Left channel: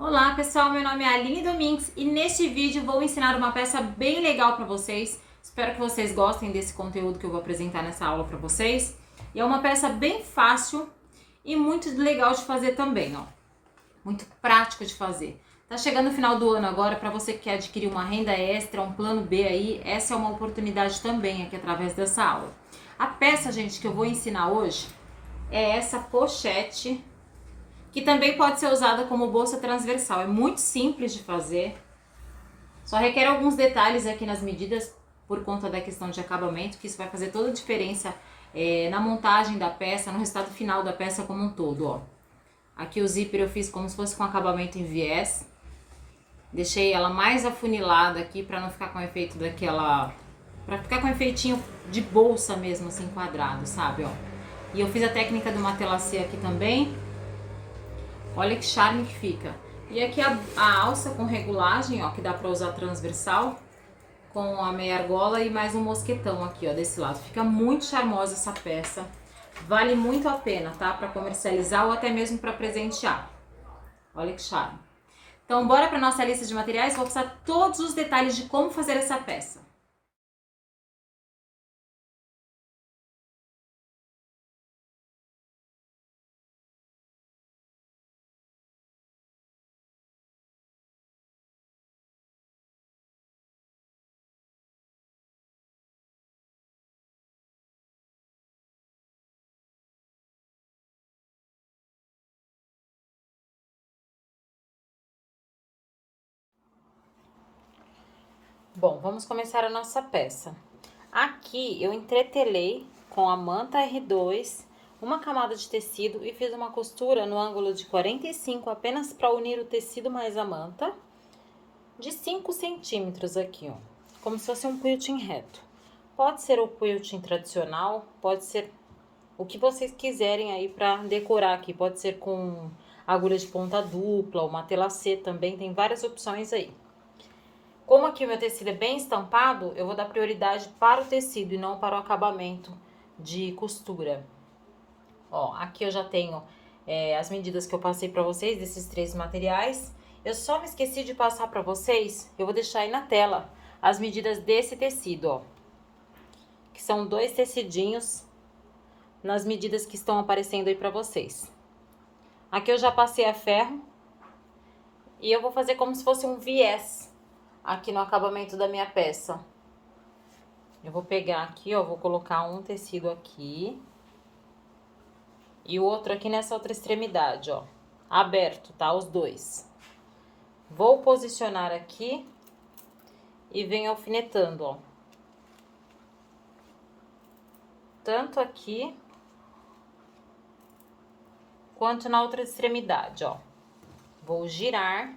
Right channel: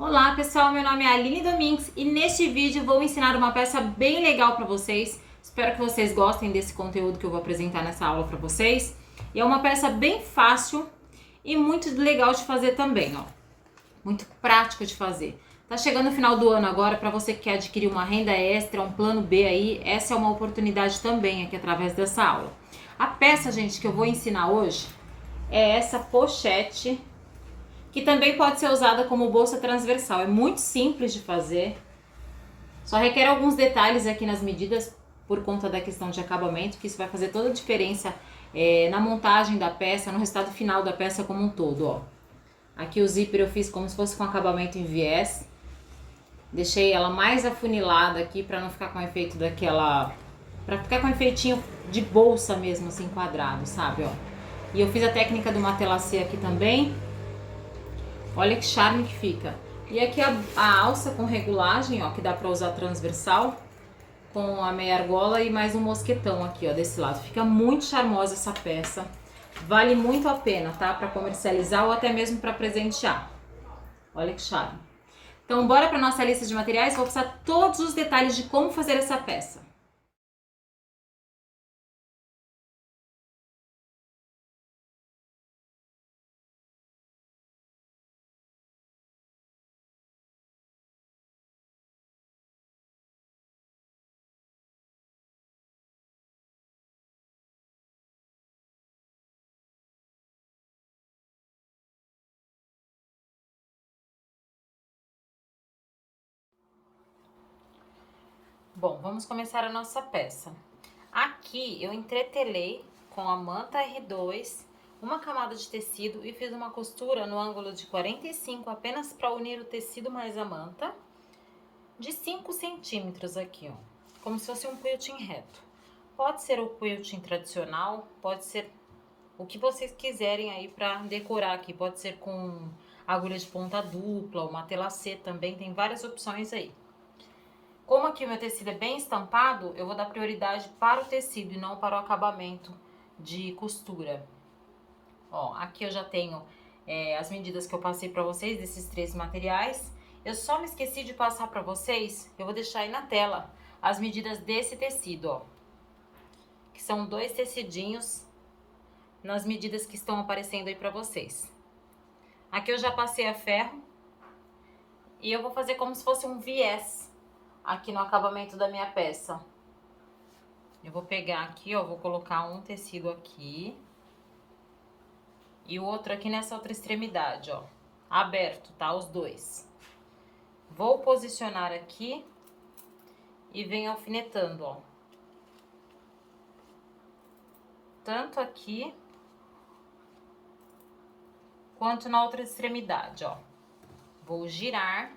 Olá pessoal, meu nome é Aline Domingues e neste vídeo vou ensinar uma peça bem legal para vocês. Espero que vocês gostem desse conteúdo que eu vou apresentar nessa aula para vocês. E é uma peça bem fácil e muito legal de fazer também, ó. Muito prático de fazer. Tá chegando o final do ano agora, para você que quer adquirir uma renda extra, um plano B aí, essa é uma oportunidade também aqui através dessa aula. A peça, gente, que eu vou ensinar hoje é essa pochete, que também pode ser usada como bolsa transversal. É muito simples de fazer, só requer alguns detalhes aqui nas medidas por conta da questão de acabamento, que isso vai fazer toda a diferença na montagem da peça, no resultado final da peça como um todo, ó. Aqui o zíper eu fiz como se fosse com acabamento em viés, deixei ela mais afunilada aqui para não ficar com o efeito daquela, para ficar com o efeitinho de bolsa mesmo, assim, quadrado, sabe, ó. E eu fiz a técnica do matelacê aqui também. Olha que charme que fica. E aqui a alça com regulagem, ó, que dá pra usar transversal, com a meia argola e mais um mosquetão aqui, ó, desse lado. Fica muito charmosa essa peça. Vale muito a pena, tá? Pra comercializar ou até mesmo pra presentear. Olha que charme. Então, bora pra nossa lista de materiais. Vou passar todos os detalhes de como fazer essa peça. Bom, vamos começar a nossa peça. Aqui eu entretelei com a manta R2 uma camada de tecido e fiz uma costura no ângulo de 45 apenas para unir o tecido mais a manta, de 5 centímetros aqui, ó, como se fosse um quilting reto. Pode ser o quilting tradicional, pode ser o que vocês quiserem aí para decorar aqui, pode ser com agulha de ponta dupla, ou matelacê também, tem várias opções aí. Como aqui o meu tecido é bem estampado, eu vou dar prioridade para o tecido e não para o acabamento de costura. Ó, aqui eu já tenho as medidas que eu passei para vocês desses 3 materiais. Eu só me esqueci de passar para vocês, eu vou deixar aí na tela as medidas desse tecido, ó. Que são 2 tecidinhos nas medidas que estão aparecendo aí para vocês. Aqui eu já passei a ferro e eu vou fazer como se fosse um viés aqui no acabamento da minha peça. Eu vou pegar aqui, ó, vou colocar um tecido aqui e o outro aqui nessa outra extremidade, ó, aberto, tá? Os dois. Vou posicionar aqui e venho alfinetando, ó. Tanto aqui quanto na outra extremidade, ó. Vou girar,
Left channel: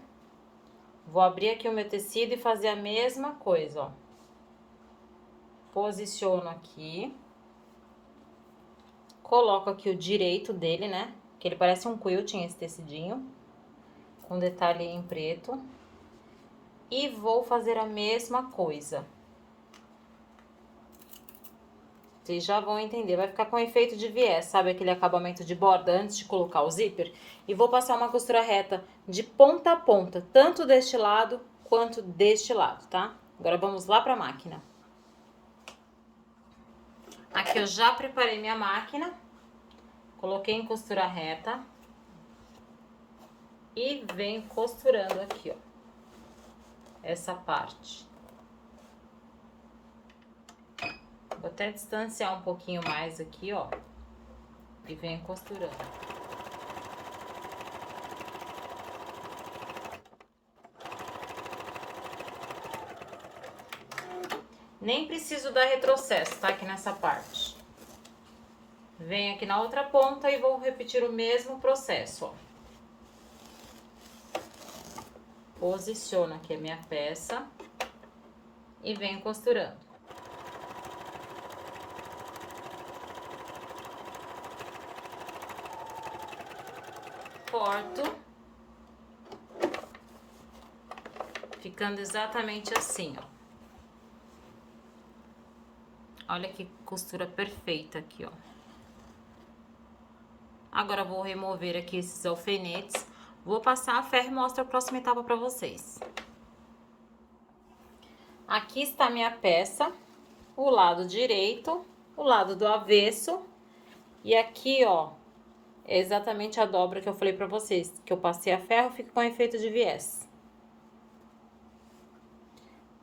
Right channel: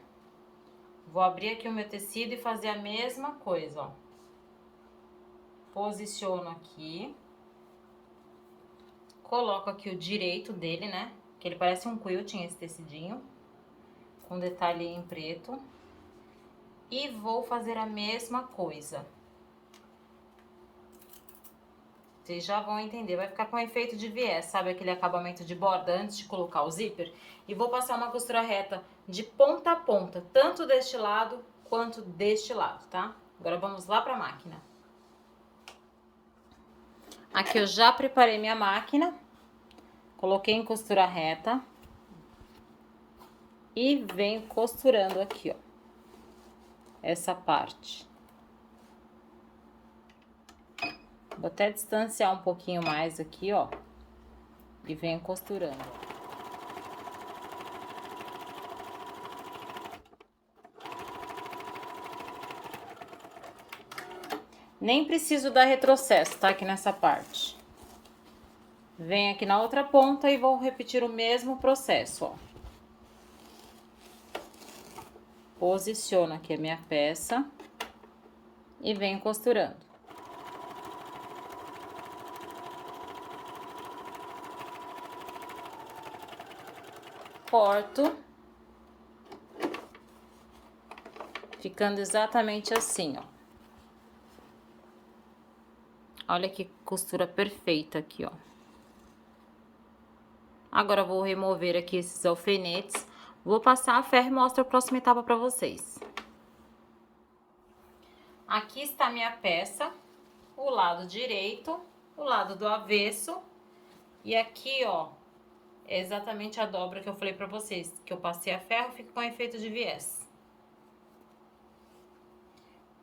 vou abrir aqui o meu tecido e fazer a mesma coisa, ó. Posiciono aqui. Coloco aqui o direito dele, né? Que ele parece um quilting, esse tecidinho. Com detalhe em preto. E vou fazer a mesma coisa. Vocês já vão entender. Vai ficar com efeito de viés, sabe? Aquele acabamento de borda antes de colocar o zíper. E vou passar uma costura reta de ponta a ponta. Tanto deste lado quanto deste lado, tá? Agora vamos lá pra máquina. Aqui eu já preparei minha máquina. Coloquei em costura reta. E venho costurando aqui, ó. Essa parte. Vou até distanciar um pouquinho mais aqui, ó. E venho costurando. Nem preciso dar retrocesso, tá? Aqui nessa parte. Venho aqui na outra ponta e vou repetir o mesmo processo, ó. Posiciono aqui a minha peça e venho costurando. Corto, ficando exatamente assim, ó. Olha que costura perfeita aqui, ó. Agora vou remover aqui esses alfinetes. Vou passar a ferro e mostro a próxima etapa pra vocês. Aqui está a minha peça, o lado direito, o lado do avesso. E aqui, ó, é exatamente a dobra que eu falei pra vocês, que eu passei a ferro, fica com efeito de viés.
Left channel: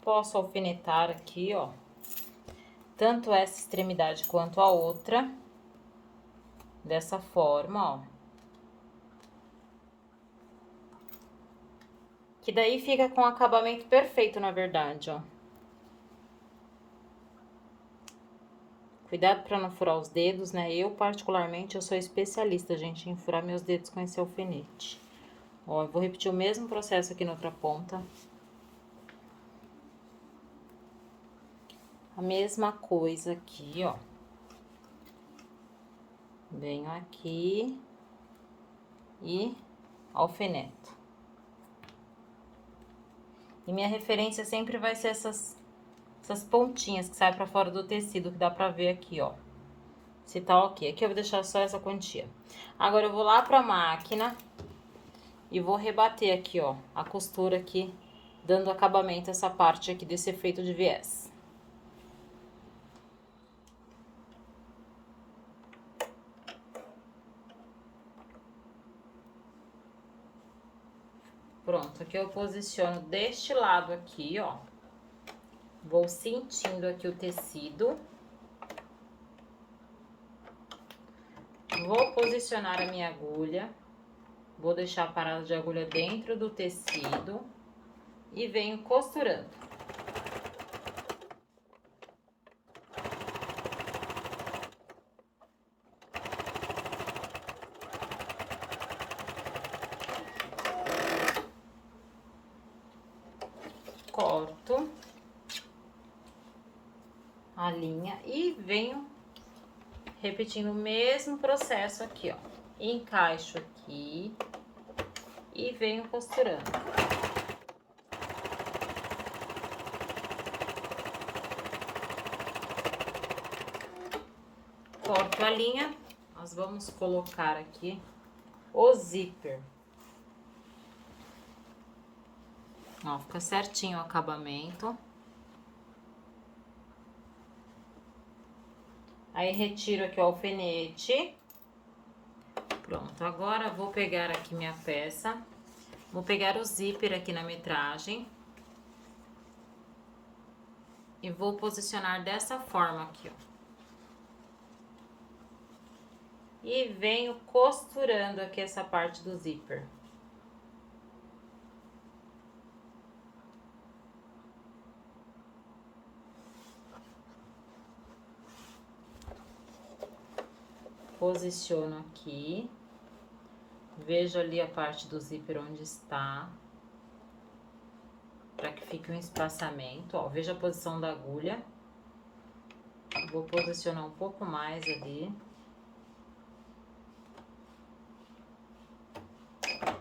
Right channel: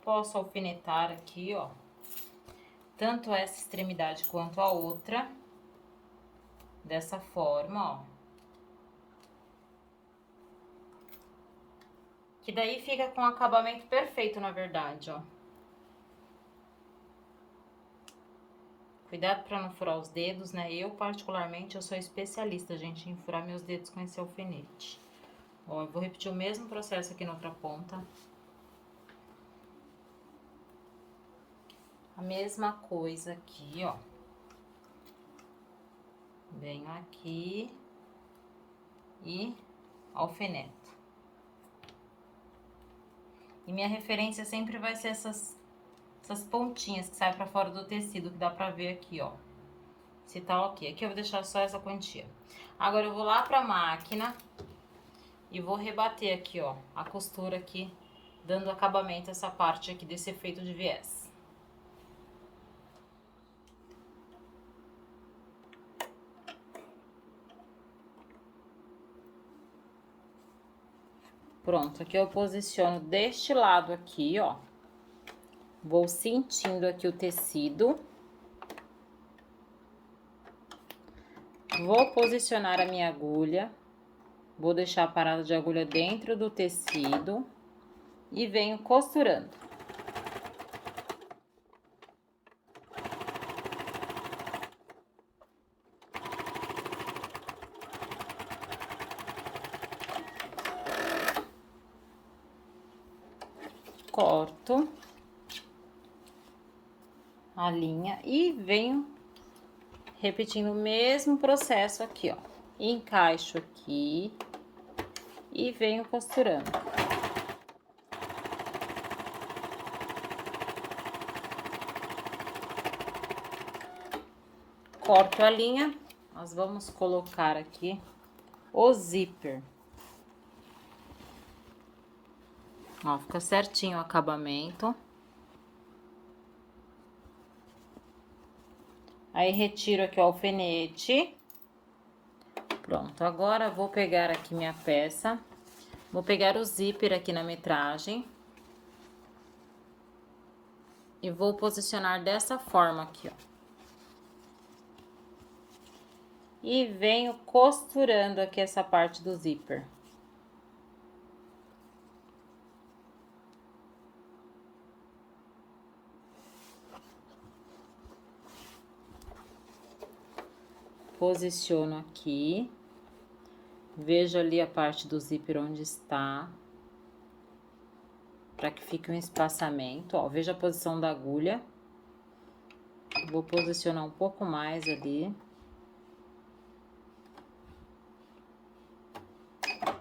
Posso alfinetar aqui, ó, tanto essa extremidade quanto a outra, dessa forma, ó. Que daí fica com acabamento perfeito, na verdade, ó. Cuidado pra não furar os dedos, né? Eu, particularmente, eu sou especialista, gente, em furar meus dedos com esse alfinete. Ó, eu vou repetir o mesmo processo aqui na outra ponta. A mesma coisa aqui, ó. Venho aqui e alfineto. E minha referência sempre vai ser essas pontinhas que saem pra fora do tecido, que dá pra ver aqui, ó. Se tá ok. Aqui eu vou deixar só essa quantia. Agora, eu vou lá pra máquina e vou rebater aqui, ó, a costura aqui, dando acabamento a essa parte aqui desse efeito de viés. Pronto, aqui eu posiciono deste lado aqui, ó. Vou sentindo aqui o tecido. Vou posicionar a minha agulha. Vou deixar a parada de agulha dentro do tecido. E venho costurando. Corto a linha e venho repetindo o mesmo processo aqui, ó. Encaixo aqui e venho costurando. Corto a linha, nós vamos colocar aqui o zíper. Ó, fica certinho o acabamento. Aí, retiro aqui o alfinete. Pronto, agora eu vou pegar aqui minha peça. Vou pegar o zíper aqui na metragem. E vou posicionar dessa forma aqui, ó. E venho costurando aqui essa parte do zíper. Posiciono aqui. Vejo ali a parte do zíper onde está. Para que fique um espaçamento, ó. Veja a posição da agulha. Vou posicionar um pouco mais ali.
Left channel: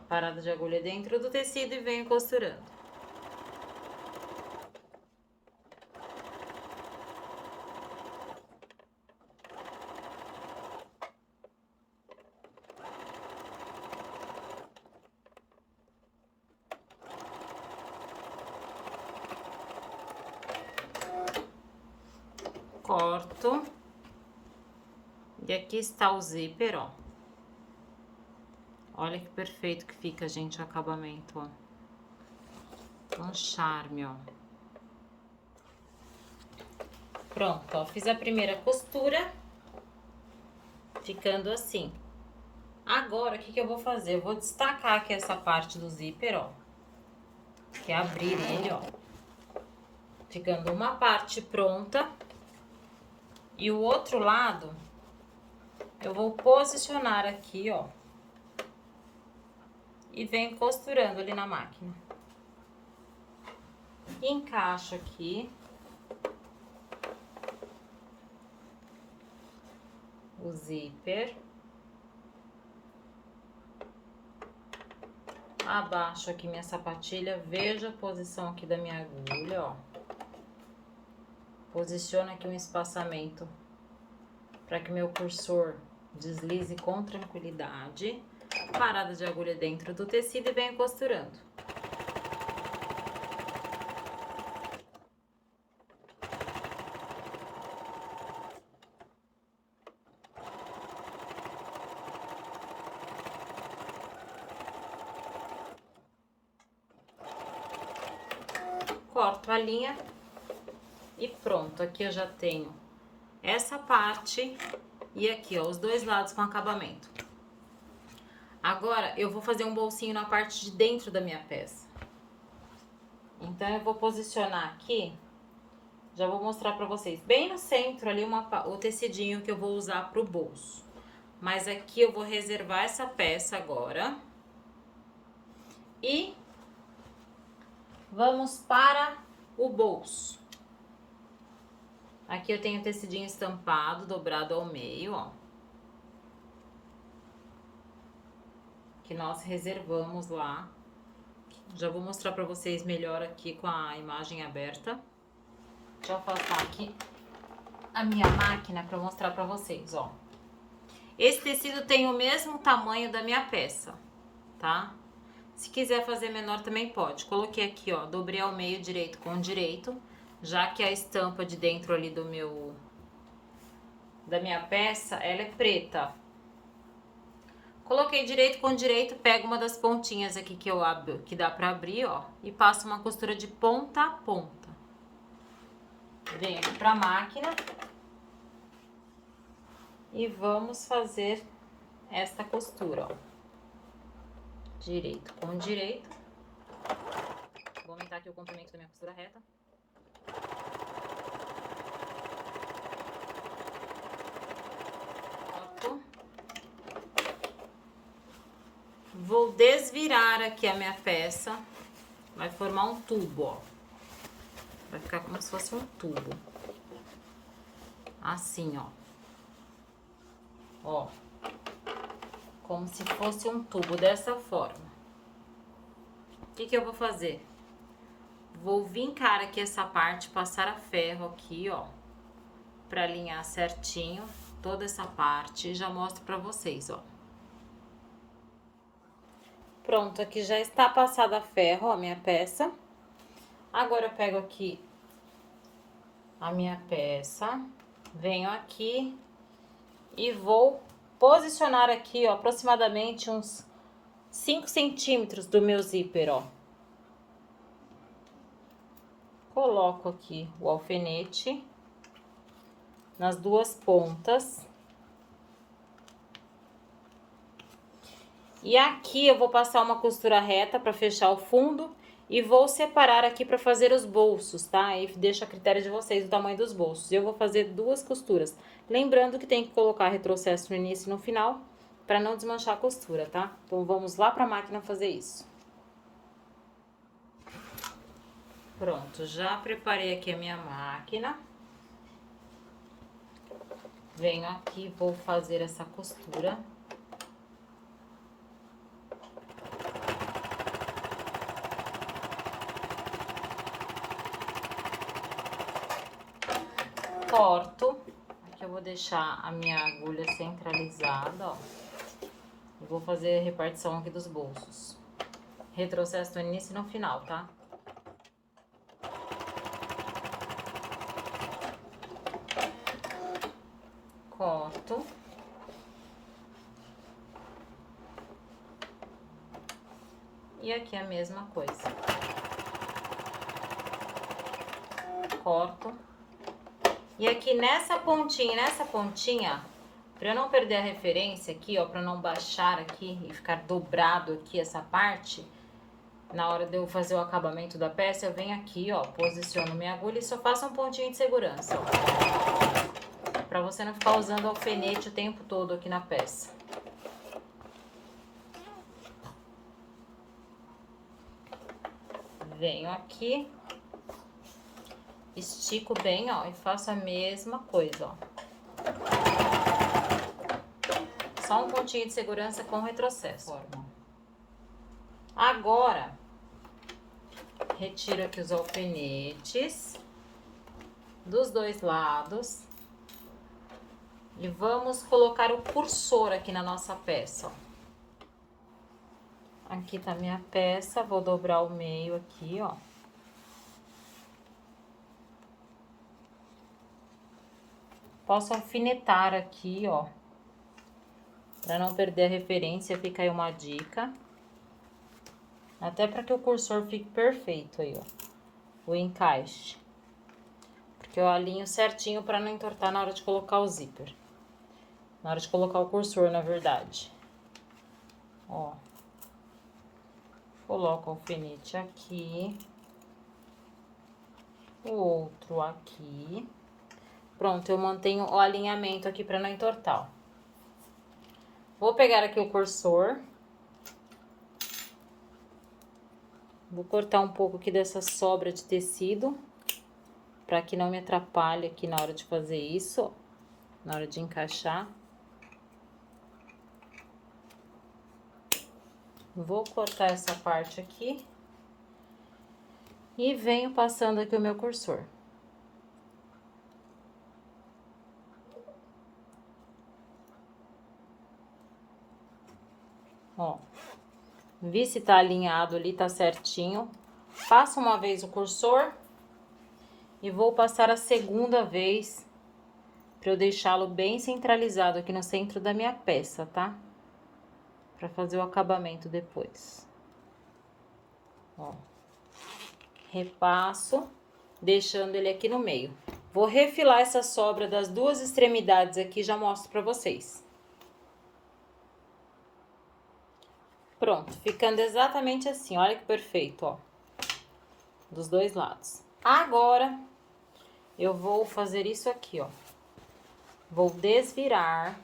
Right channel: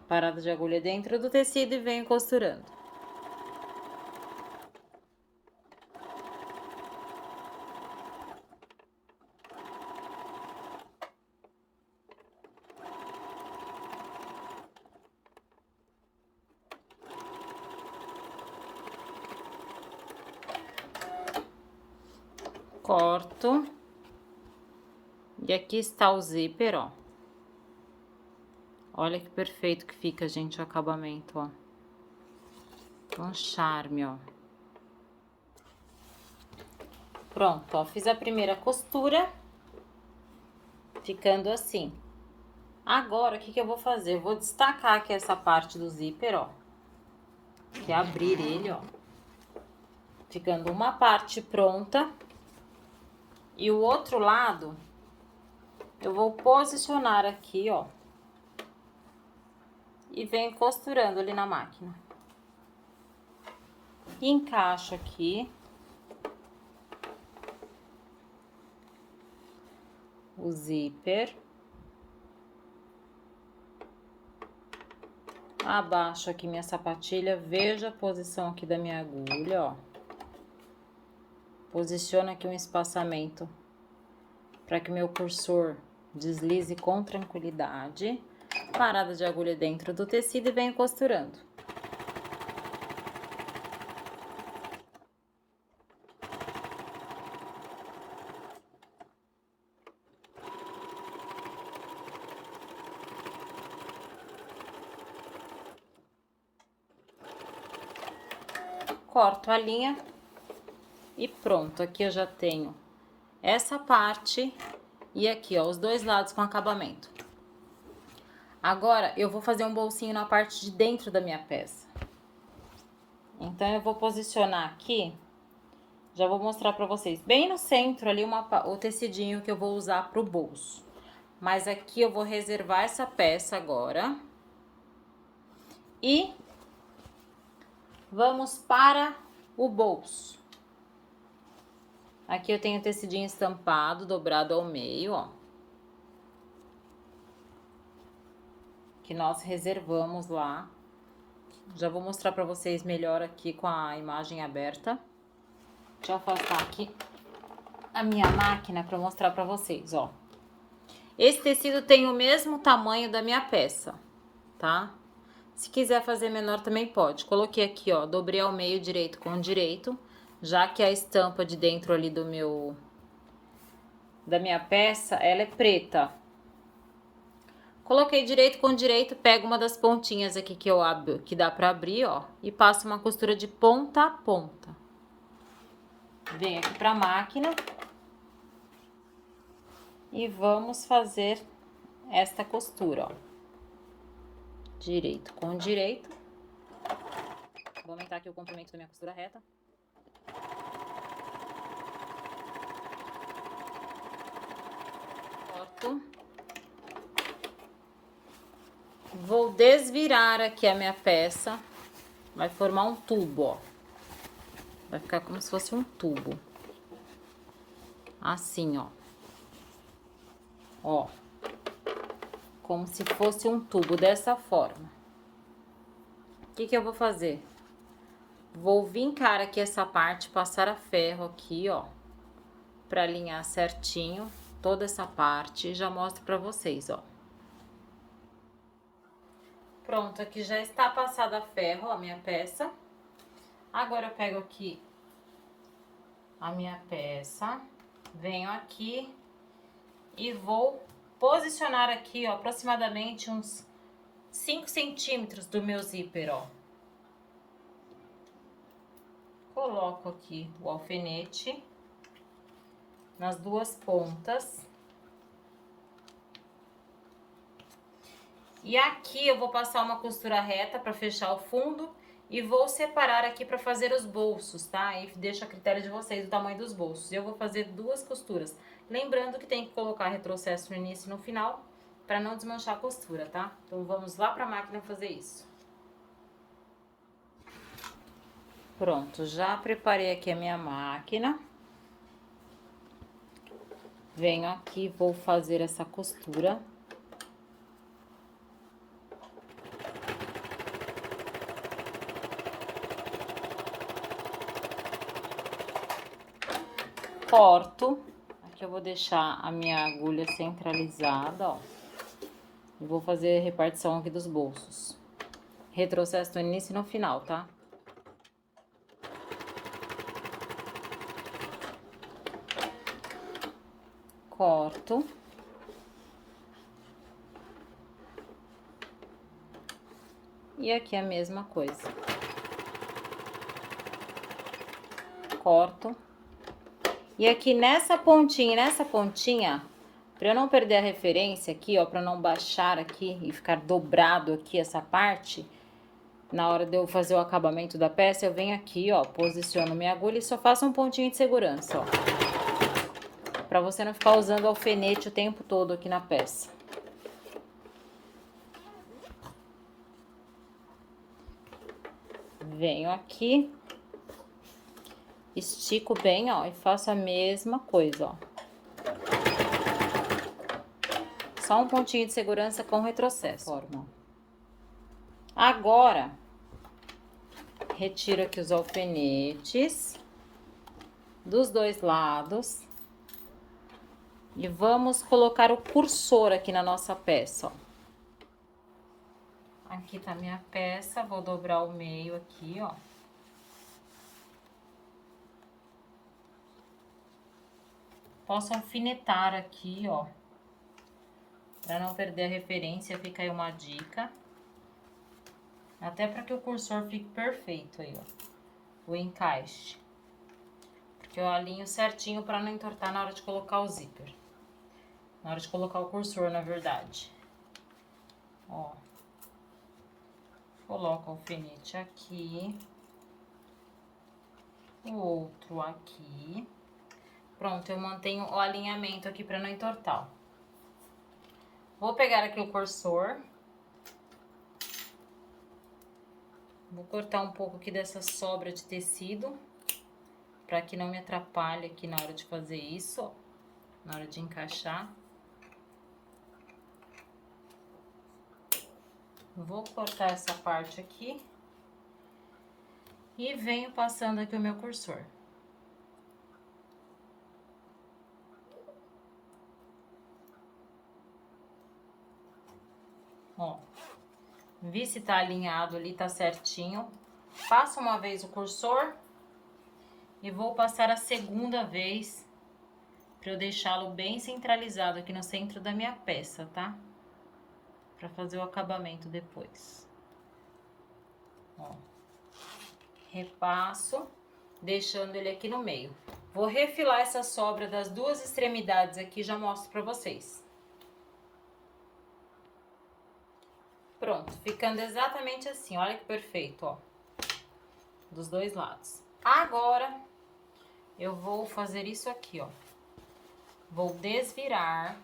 Parada de agulha dentro do tecido e venho costurando. Corto. E aqui está o zíper, ó. Olha que perfeito que fica, gente, o acabamento, ó. Um charme, ó. Pronto, ó. Fiz a primeira costura. Ficando assim. Agora, o que que eu vou fazer? Eu vou destacar aqui essa parte do zíper, ó. Que é abrir ele, ó. Ficando uma parte pronta. E o outro lado, eu vou posicionar aqui, ó. E venho costurando ali na máquina. Encaixo aqui. O zíper. Abaixo aqui minha sapatilha, veja a posição aqui da minha agulha, ó. Posiciono aqui um espaçamento para que meu cursor deslize com tranquilidade. Parada de agulha dentro do tecido e venho costurando. Corto a linha e pronto. Aqui eu já tenho essa parte e aqui, ó, os dois lados com acabamento. Agora, eu vou fazer um bolsinho na parte de dentro da minha peça. Então, eu vou posicionar aqui, já vou mostrar pra vocês. Bem no centro ali, o tecidinho que eu vou usar pro bolso. Mas aqui eu vou reservar essa peça agora. E vamos para o bolso. Aqui eu tenho tecidinho estampado, dobrado ao meio, ó. Que nós reservamos lá. Já vou mostrar pra vocês melhor aqui com a imagem aberta. Deixa eu afastar aqui a minha máquina pra mostrar pra vocês, ó. Esse tecido tem o mesmo tamanho da minha peça, tá? Se quiser fazer menor também pode. Coloquei aqui, ó, dobrei ao meio direito com direito, já que a estampa de dentro ali da minha peça, ela é preta. Coloquei direito com direito, pego uma das pontinhas aqui que eu abro, que dá pra abrir, ó, e passo uma costura de ponta a ponta. Venho aqui pra máquina e vamos fazer esta costura, ó. Direito com direito. Vou aumentar aqui o comprimento da minha costura reta. Corto. Vou desvirar aqui a minha peça. Vai formar um tubo, ó. Vai ficar como se fosse um tubo. Assim, ó. Ó. Como se fosse um tubo, dessa forma. O que que eu vou fazer? Vou vincar aqui essa parte, passar a ferro aqui, ó. Pra alinhar certinho toda essa parte. E já mostro pra vocês, ó. Pronto, aqui já está passada a ferro, ó, minha peça. Agora eu pego aqui a minha peça, venho aqui e vou posicionar aqui, ó, aproximadamente uns 5 centímetros do meu zíper, ó. Coloco aqui o alfinete nas duas pontas. E aqui eu vou passar uma costura reta para fechar o fundo e vou separar aqui para fazer os bolsos, tá? E deixo a critério de vocês o tamanho dos bolsos. Eu vou fazer duas costuras. Lembrando que tem que colocar retrocesso no início e no final para não desmanchar a costura, tá? Então vamos lá para a máquina fazer isso. Pronto, já preparei aqui a minha máquina. Venho aqui, vou fazer essa costura. Corto. Aqui eu vou deixar a minha agulha centralizada, ó. E vou fazer a repartição aqui dos bolsos. Retrocesso no início e no final, tá? Corto. E aqui a mesma coisa. Corto. E aqui nessa pontinha, pra eu não perder a referência aqui, ó, pra não baixar aqui e ficar dobrado aqui essa parte, na hora de eu fazer o acabamento da peça, eu venho aqui, ó, posiciono minha agulha e só faço um pontinho de segurança, ó. Pra você não ficar usando alfinete o tempo todo aqui na peça. Venho aqui, estico bem, ó, e faço a mesma coisa, ó. Só um pontinho de segurança com retrocesso. Forma. Agora, retiro aqui os alfinetes dos dois lados. E vamos colocar o cursor aqui na nossa peça, ó. Aqui tá minha peça, vou dobrar o meio aqui, ó. Posso alfinetar aqui, ó. Pra não perder a referência, fica aí uma dica. Até para que o cursor fique perfeito aí, ó. O encaixe. Porque eu alinho certinho para não entortar na hora de colocar o zíper. Na hora de colocar o cursor, na verdade. Ó. Coloco o alfinete aqui. O outro aqui. Pronto, eu mantenho o alinhamento aqui para não entortar, ó. Vou pegar aqui o cursor. Vou cortar um pouco aqui dessa sobra de tecido, para que não me atrapalhe aqui na hora de fazer isso, ó, na hora de encaixar. Vou cortar essa parte aqui e venho passando aqui o meu cursor. Ó, vi se tá alinhado ali, tá certinho. Passo uma vez o cursor e vou passar a segunda vez para eu deixá-lo bem centralizado aqui no centro da minha peça, tá? Para fazer o acabamento depois. Ó. Repasso, deixando ele aqui no meio. Vou refilar essa sobra das duas extremidades aqui, já mostro para vocês. Pronto, ficando exatamente assim, olha que perfeito, ó. Dos dois lados. Agora, eu vou fazer isso aqui, ó. Vou desvirar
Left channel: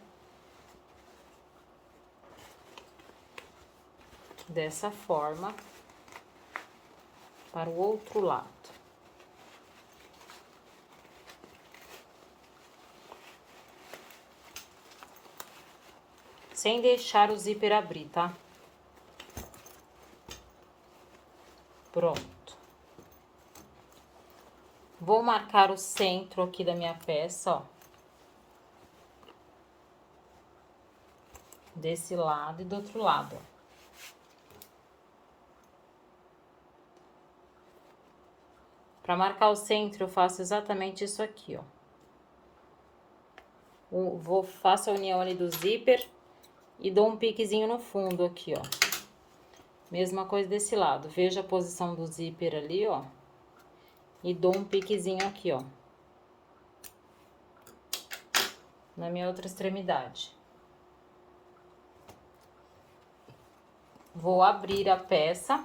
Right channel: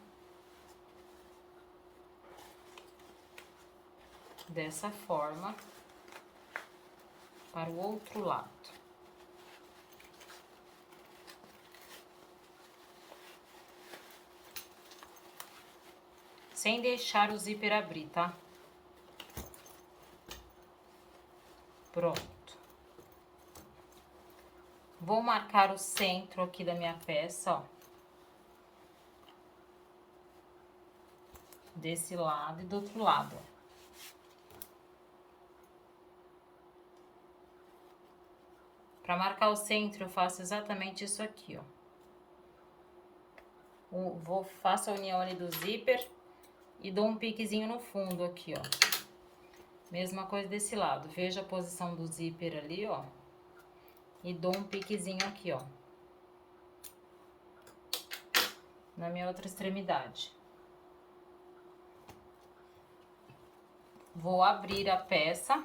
dessa forma para o outro lado. Sem deixar o zíper abrir, tá? Pronto. Vou marcar o centro aqui da minha peça, ó. Desse lado e do outro lado, ó. Para marcar o centro, eu faço exatamente isso aqui, ó. Faço a união ali do zíper e dou um piquezinho no fundo aqui, ó. Mesma coisa desse lado. Vejo a posição do zíper ali, ó. E dou um piquezinho aqui, ó. Na minha outra extremidade. Vou abrir a peça.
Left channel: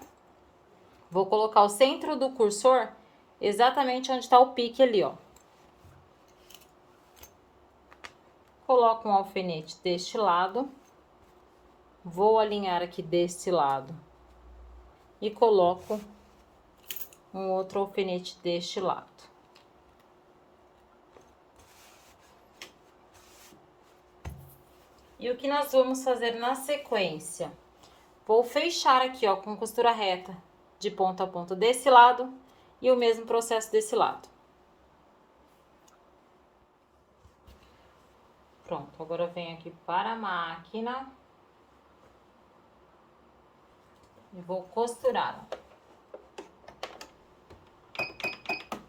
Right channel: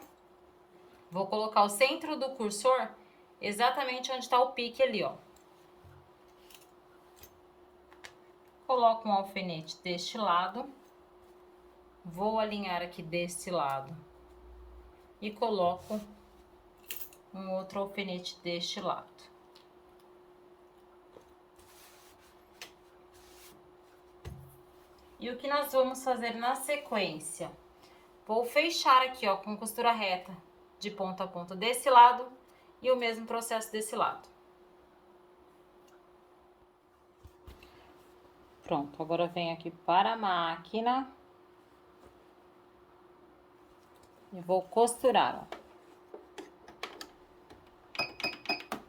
Vou colocar o centro do cursor exatamente onde tá o pique ali, ó. Coloco um alfinete deste lado. Vou alinhar aqui desse lado. E coloco um outro alfinete deste lado. E o que nós vamos fazer na sequência? Vou fechar aqui, ó, com costura reta de ponta a ponta desse lado e o mesmo processo desse lado. Pronto, agora venho aqui para a máquina e vou costurar, ó.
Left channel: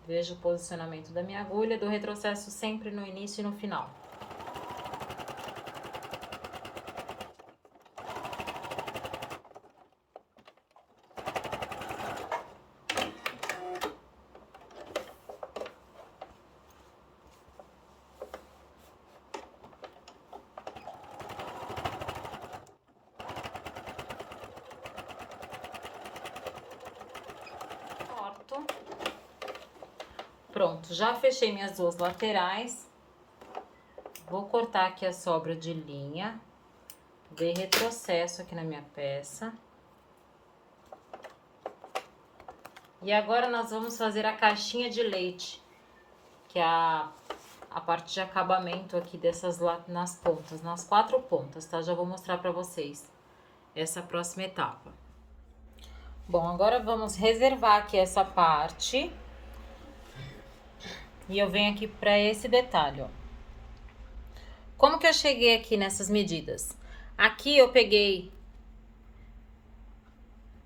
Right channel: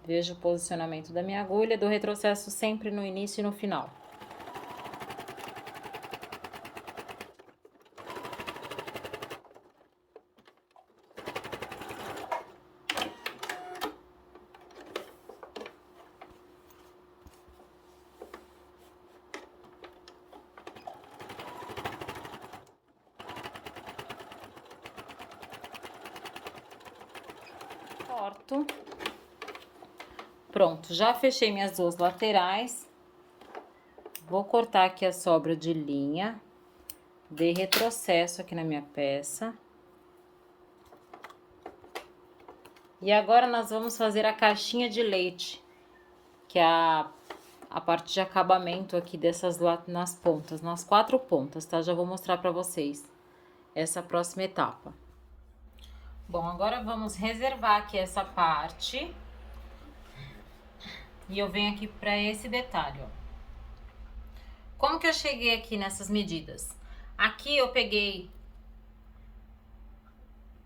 Vejo o posicionamento da minha agulha, dou retrocesso sempre no início e no final. Corto. Pronto, já fechei minhas duas laterais. Vou cortar aqui a sobra de linha. Dei retrocesso aqui na minha peça. E agora nós vamos fazer a caixinha de leite, que é a parte de acabamento aqui dessas nas pontas, nas 4 pontas, tá? Já vou mostrar pra vocês essa próxima etapa. Bom, agora vamos reservar aqui essa parte. E eu venho aqui pra esse detalhe, ó. Como que eu cheguei aqui nessas medidas? Aqui eu peguei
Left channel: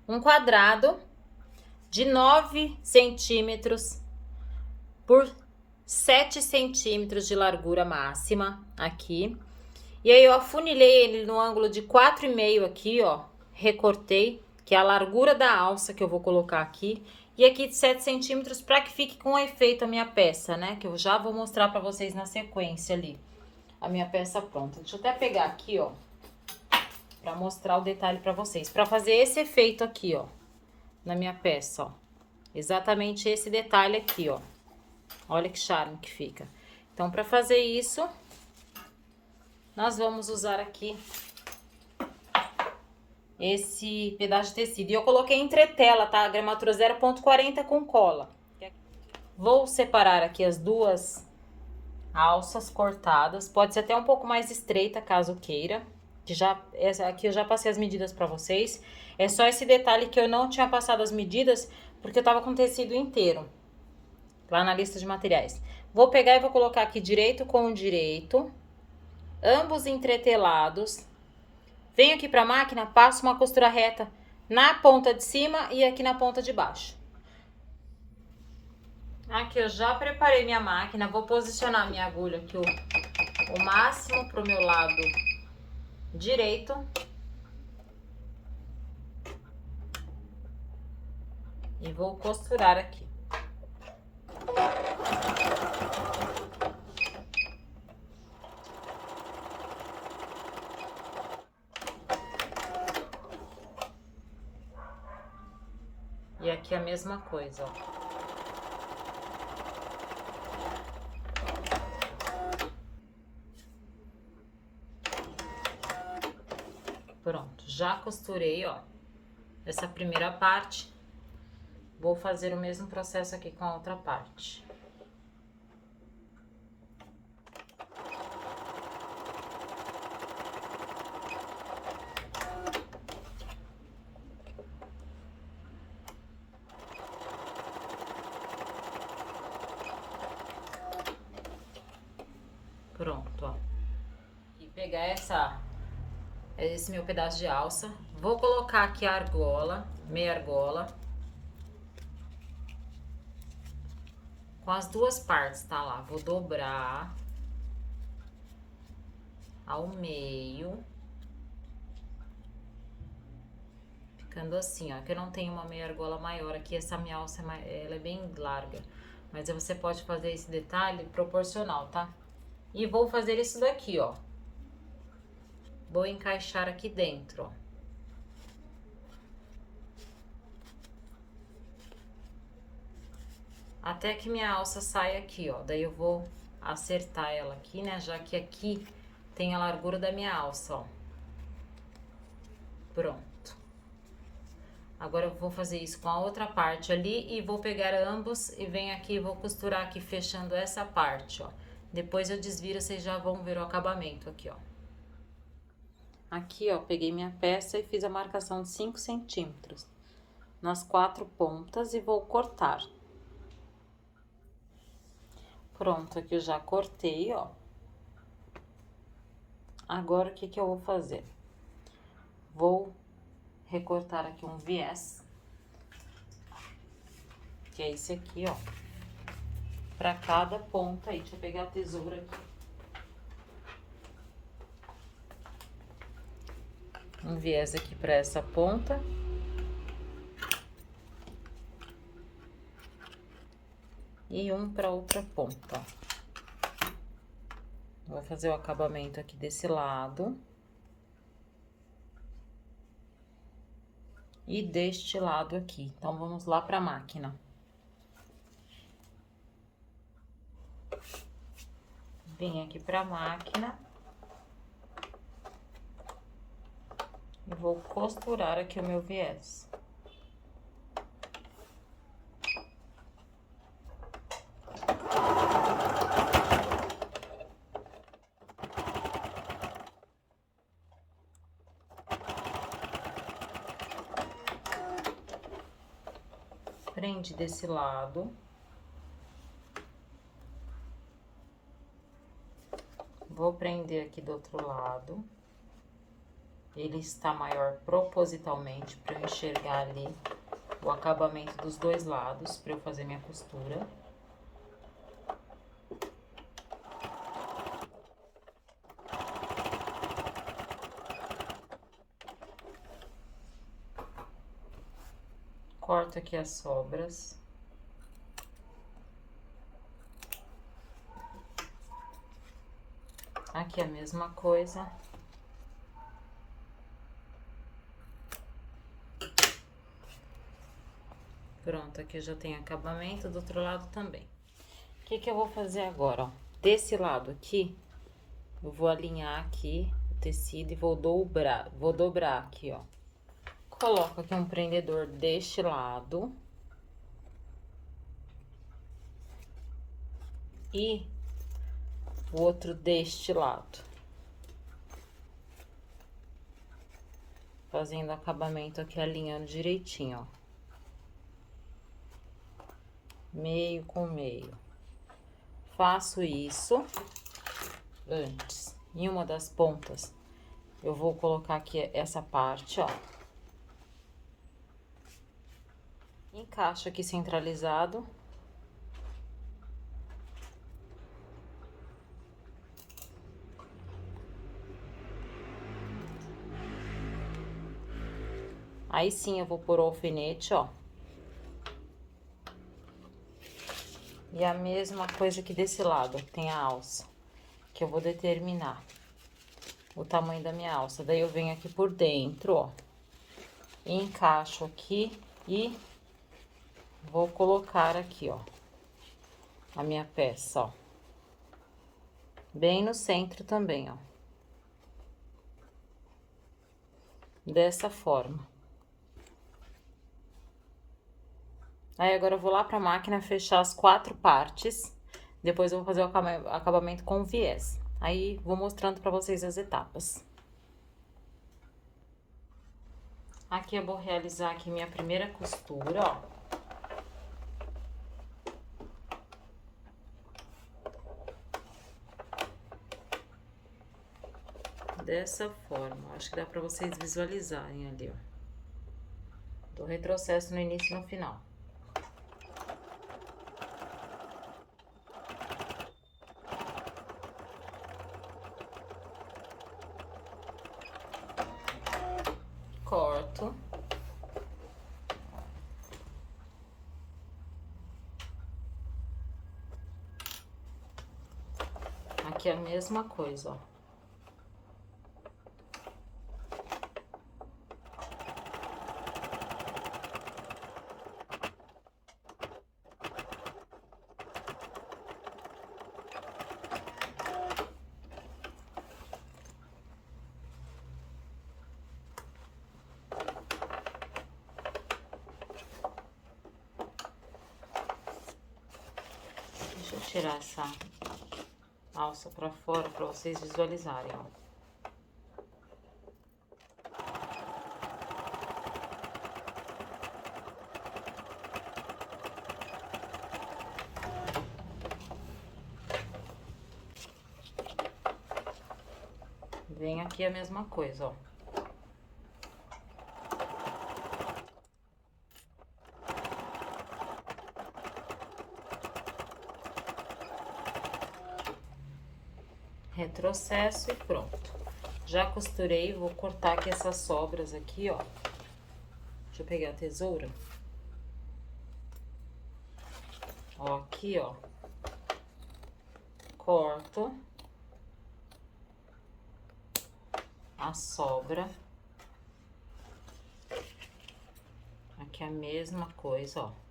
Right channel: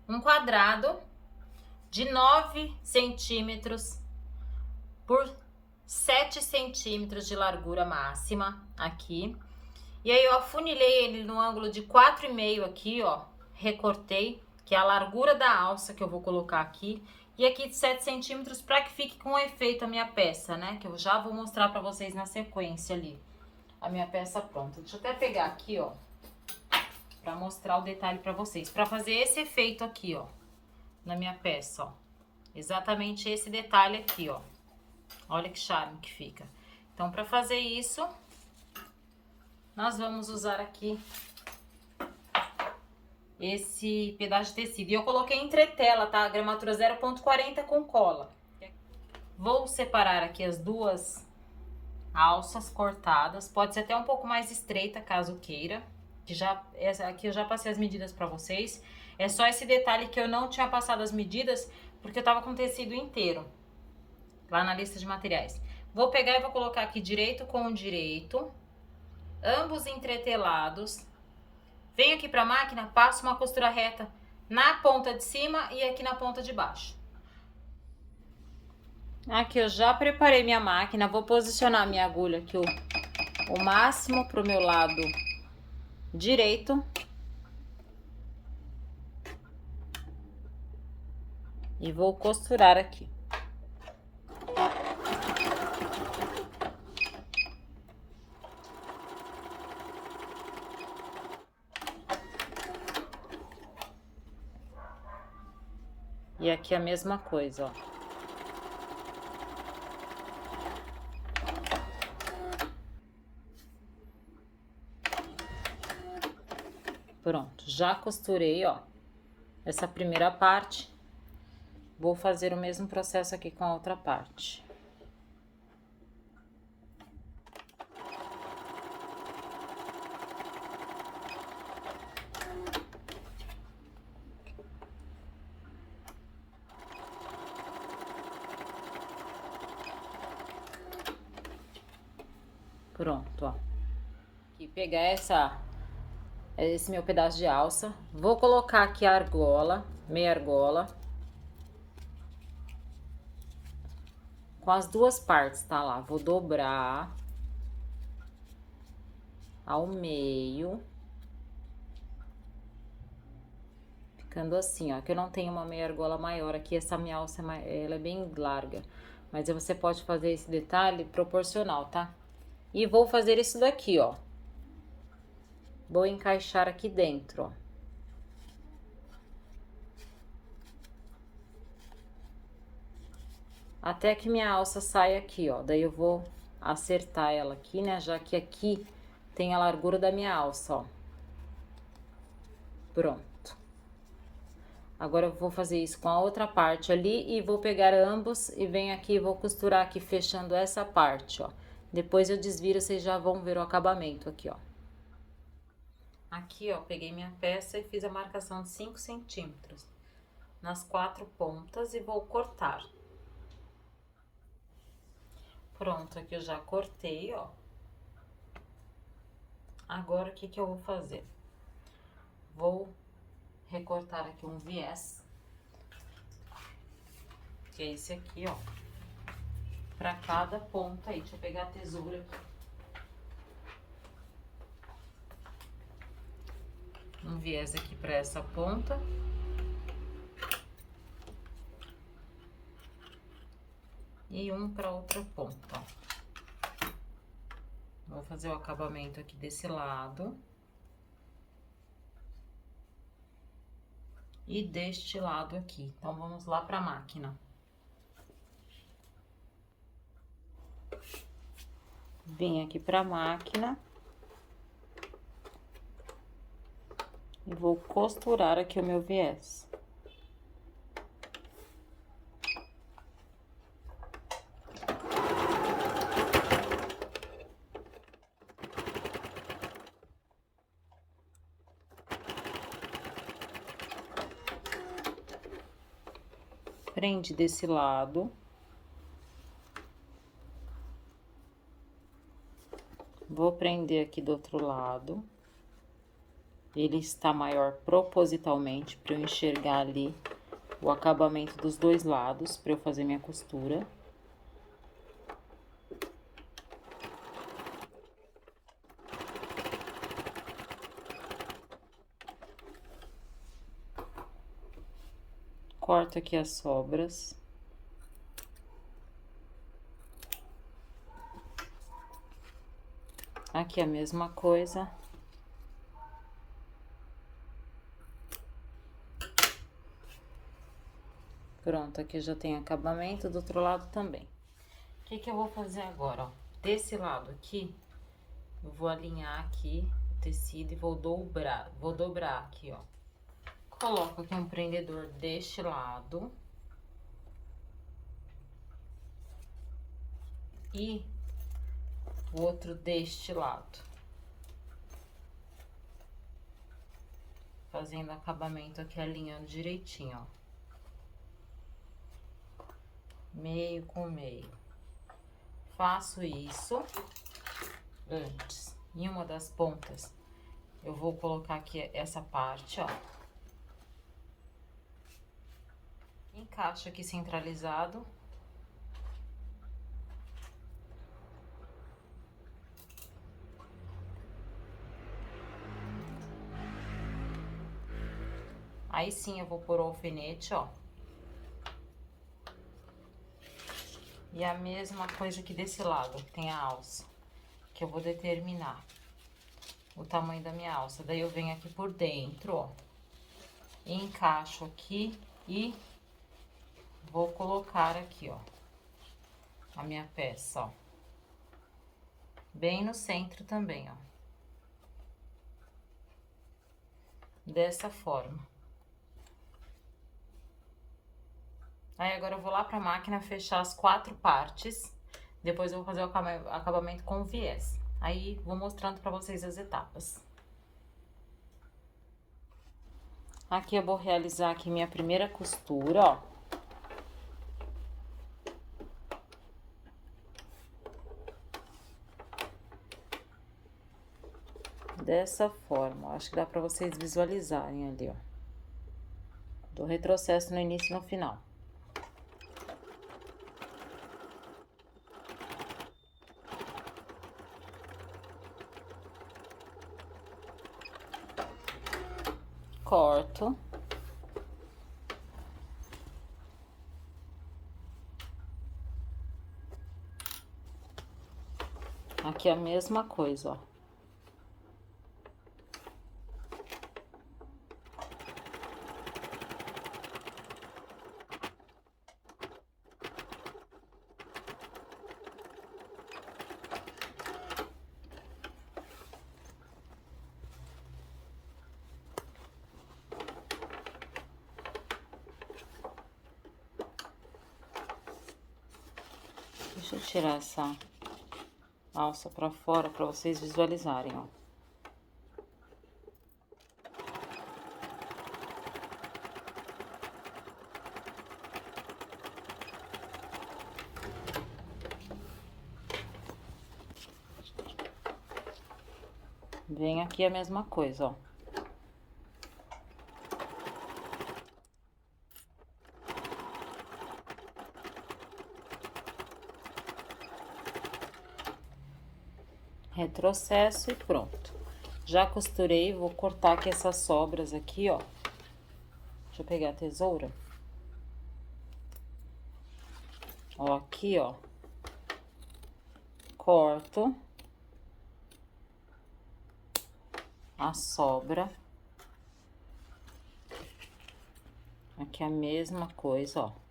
um quadrado de 9 centímetros por 7 centímetros de largura máxima aqui. E aí eu afunilei ele no ângulo de 4,5 aqui, ó, recortei, que é a largura da alça que eu vou colocar aqui, e aqui de 7 centímetros para que fique com efeito a minha peça, né, que eu já vou mostrar para vocês na sequência ali, a minha peça pronta. Deixa eu até pegar aqui, ó, para mostrar o detalhe para vocês, para fazer esse efeito aqui, ó, na minha peça, ó, exatamente esse detalhe aqui, ó, olha que charme que fica. Então, para fazer isso, nós vamos usar aqui esse pedaço de tecido. E eu coloquei entretela, tá? A gramatura 0,40 com cola. Vou separar aqui as duas alças cortadas. Pode ser até um pouco mais estreita, caso queira. Aqui eu já passei as medidas pra vocês. É só esse detalhe que eu não tinha passado as medidas, porque eu tava com tecido inteiro, lá na lista de materiais. Vou pegar e vou colocar aqui direito com direito, ambos entretelados. Venho aqui pra máquina, passo uma costura reta na ponta de cima e aqui na ponta de baixo. Aqui eu já preparei minha máquina, vou posicionar minha agulha aqui o máximo pro meu lado direito. E vou costurar aqui. E aqui a mesma coisa, ó. Pronto, já costurei, ó, essa primeira parte. Vou fazer o mesmo processo aqui com a outra parte. Pronto, ó. E pegar esse meu pedaço de alça, vou colocar aqui a argola, meia argola, com as duas partes, tá lá, vou dobrar ao meio, ficando assim, ó, que eu não tenho uma meia argola maior aqui, essa minha alça, ela é bem larga, mas você pode fazer esse detalhe proporcional, tá? E vou fazer isso daqui, ó, vou encaixar aqui dentro, ó. Até que minha alça saia aqui, ó, daí eu vou acertar ela aqui, né, já que aqui tem a largura da minha alça, ó. Pronto. Agora eu vou fazer isso com a outra parte ali e vou pegar ambos e venho aqui e vou costurar aqui fechando essa parte, ó. Depois eu desviro, vocês já vão ver o acabamento aqui, ó. Aqui, ó, peguei minha peça e fiz a marcação de 5 centímetros nas 4 pontas e vou cortar. Pronto, aqui eu já cortei, ó. Agora, o que que eu vou fazer? Vou recortar aqui um viés, que é esse aqui, ó, pra cada ponta aí. Deixa eu pegar a tesoura aqui. Um viés aqui pra essa ponta. E um pra outra ponta. Vou fazer o acabamento aqui desse lado. E deste lado aqui. Então, vamos lá pra máquina. Vim aqui pra máquina. E vou costurar aqui o meu viés. Prende desse lado. Vou prender aqui do outro lado. Ele está maior propositalmente para eu enxergar ali o acabamento dos dois lados, para eu fazer minha costura. Corto aqui as sobras. Aqui a mesma coisa. Pronto, aqui já tem acabamento, do outro lado também. O que que eu vou fazer agora, ó? Desse lado aqui, eu vou alinhar aqui o tecido e vou dobrar aqui, ó. Coloco aqui um prendedor deste lado. E o outro deste lado. Fazendo acabamento aqui, alinhando direitinho, ó. Meio com meio. Faço isso antes. Em uma das pontas, eu vou colocar aqui essa parte, ó. Encaixo aqui centralizado. Aí sim, eu vou pôr o alfinete, ó. E a mesma coisa que desse lado, tem a alça, que eu vou determinar o tamanho da minha alça. Daí, eu venho aqui por dentro, ó, encaixo aqui e vou colocar aqui, ó, a minha peça, ó. Bem no centro também, ó. Dessa forma. Aí, agora eu vou lá pra máquina fechar as 4 partes. Depois eu vou fazer o acabamento com viés. Aí, vou mostrando pra vocês as etapas. Aqui eu vou realizar aqui minha primeira costura, ó. Dessa forma, ó. Acho que dá pra vocês visualizarem ali, ó. Do retrocesso no início e no final. Corto. Aqui a mesma coisa, ó. Deixa eu tirar essa alça pra fora pra vocês visualizarem, ó. Vem aqui a mesma coisa, ó. Retrocesso e pronto. Já costurei, vou cortar aqui essas sobras aqui, ó. Deixa eu pegar a tesoura. Ó, aqui, ó. Corto a sobra. Aqui a mesma coisa, ó.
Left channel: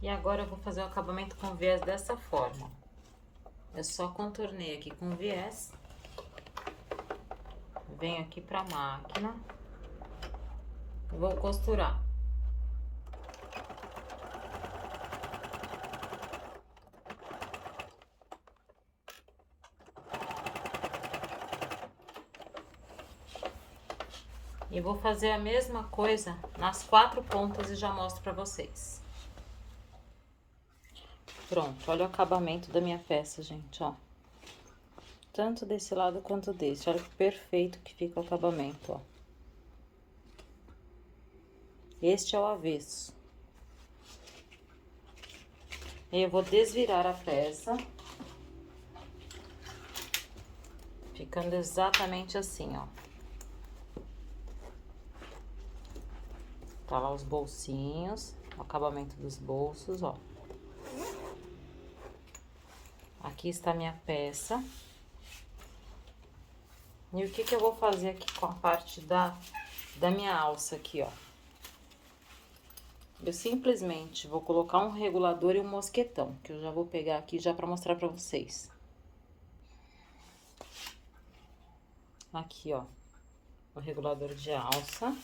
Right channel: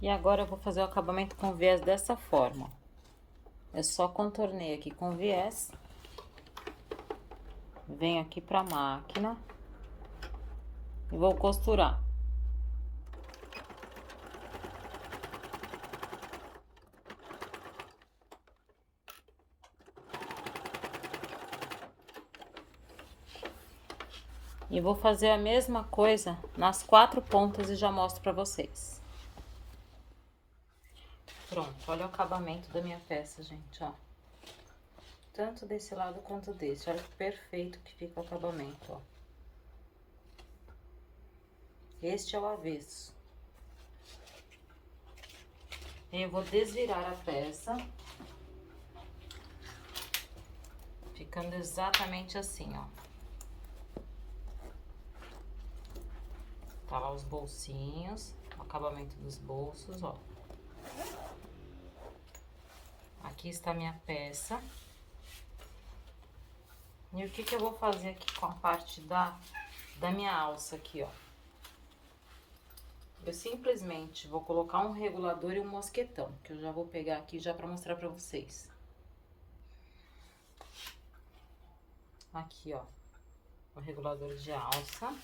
E agora eu vou fazer o acabamento com viés dessa forma. Eu só contornei aqui com viés. Venho aqui pra máquina. E vou costurar. E vou fazer a mesma coisa nas 4 pontas e já mostro pra vocês. Pronto, olha o acabamento da minha peça, gente, ó. Tanto desse lado quanto desse. Olha que perfeito que fica o acabamento, ó. Este é o avesso. E eu vou desvirar a peça. Ficando exatamente assim, ó. Tá lá os bolsinhos, o acabamento dos bolsos, ó. Aqui está a minha peça. E o que que eu vou fazer aqui com a parte da minha alça aqui, ó. Eu simplesmente vou colocar um regulador e um mosquetão, que eu já vou pegar aqui já pra mostrar pra vocês. Aqui, ó, o regulador de alça.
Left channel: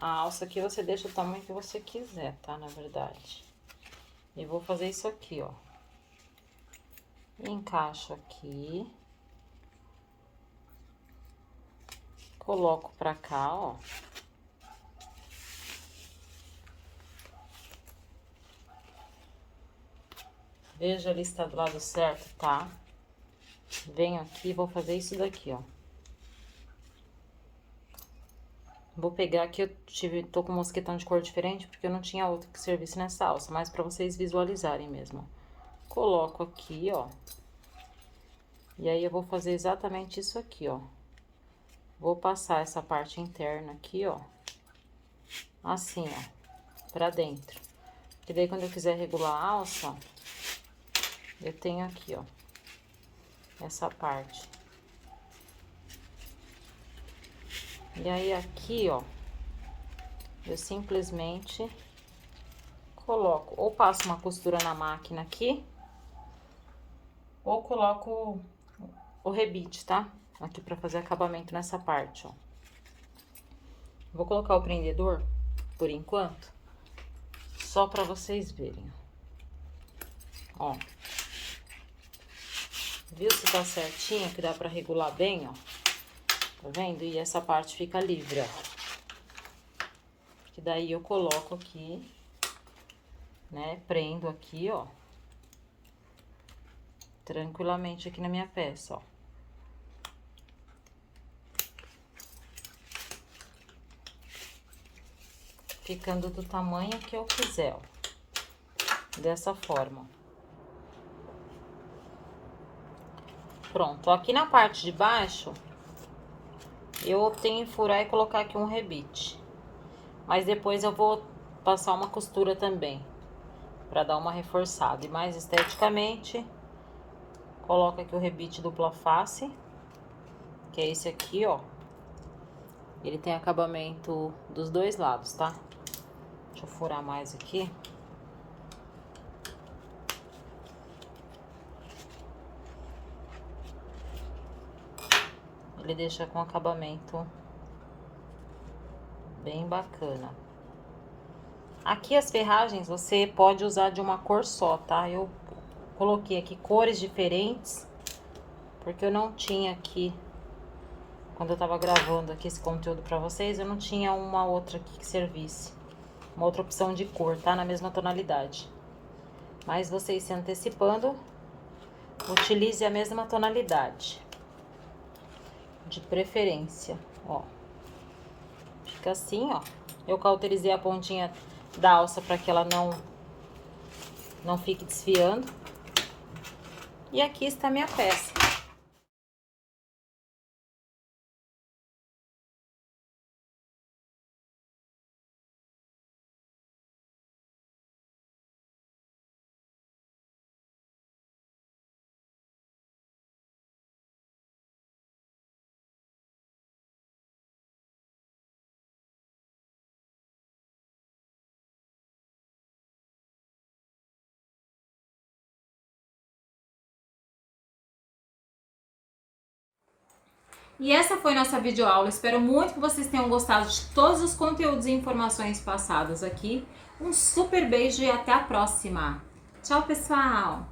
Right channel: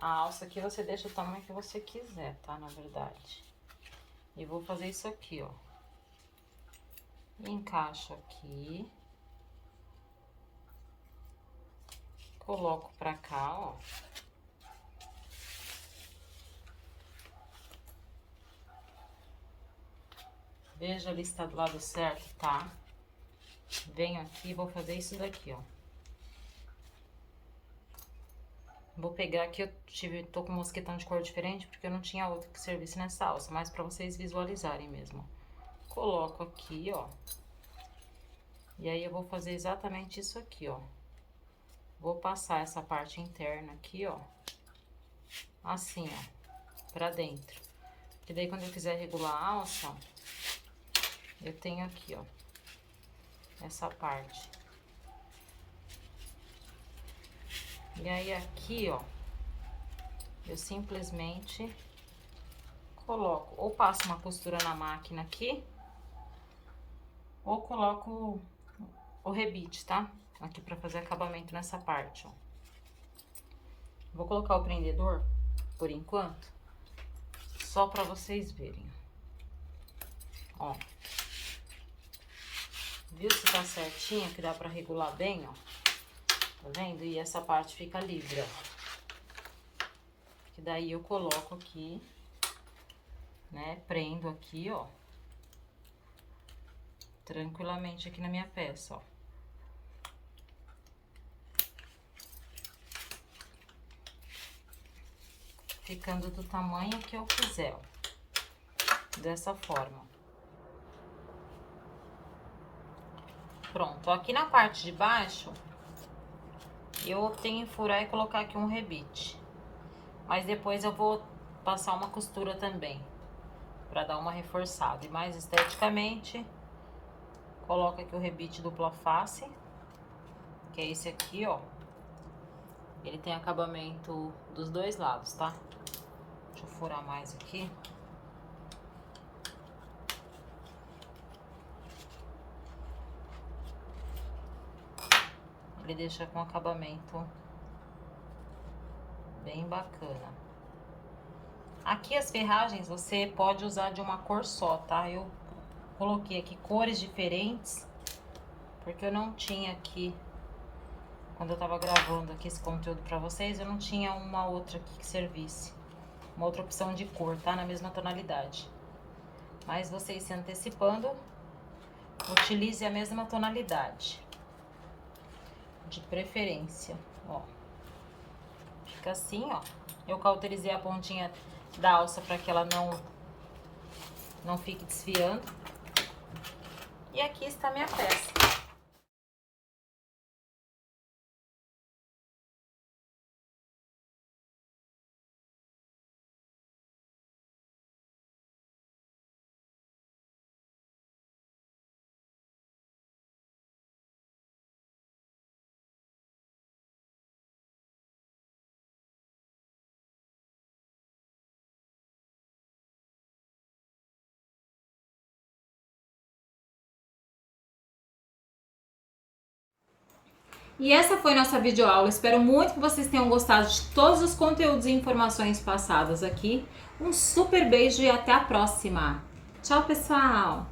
A alça aqui você deixa o tamanho que você quiser, tá? Na verdade. E vou fazer isso aqui, ó. Encaixo aqui. Coloco pra cá, ó. Veja ali se tá do lado certo, tá? Venho aqui e vou fazer isso daqui, ó. Vou pegar aqui, tô com um mosquetão de cor diferente, porque eu não tinha outro que servisse nessa alça, mas pra vocês visualizarem mesmo. Coloco aqui, ó. E aí, eu vou fazer exatamente isso aqui, ó. Vou passar essa parte interna aqui, ó. Assim, ó. Pra dentro. E daí, quando eu quiser regular a alça, ó, eu tenho aqui, ó. Essa parte. E aí, aqui, ó, eu simplesmente coloco, ou passo uma costura na máquina aqui, ou coloco o rebite, tá? Aqui pra fazer acabamento nessa parte, ó. Vou colocar o prendedor, por enquanto, só pra vocês verem. Ó. Viu se tá certinho, que dá pra regular bem, ó? Tá vendo? E essa parte fica livre, ó. Que daí eu coloco aqui, né? Prendo aqui, ó. Tranquilamente aqui na minha peça, ó. Ficando do tamanho que eu quiser, ó. Dessa forma. Pronto. Aqui na parte de baixo, eu optei em furar e colocar aqui um rebite. Mas depois eu vou passar uma costura também, pra dar uma reforçada. E mais esteticamente, coloco aqui o rebite dupla face, que é esse aqui, ó. Ele tem acabamento dos dois lados, tá? Deixa eu furar mais aqui. Ele deixa com acabamento bem bacana. Aqui as ferragens você pode usar de uma cor só, tá? Eu coloquei aqui cores diferentes, porque eu não tinha aqui, quando eu tava gravando aqui esse conteúdo pra vocês, eu não tinha uma outra aqui que servisse. Uma outra opção de cor, tá? Na mesma tonalidade. Mas vocês se antecipando, utilize a mesma tonalidade. De preferência, ó. Fica assim, ó. Eu cauterizei a pontinha da alça para que ela não fique desfiando. E aqui está a minha peça. E essa foi nossa videoaula. Espero muito que vocês tenham gostado de todos os conteúdos e informações passados aqui. Um super beijo e até a próxima. Tchau, pessoal!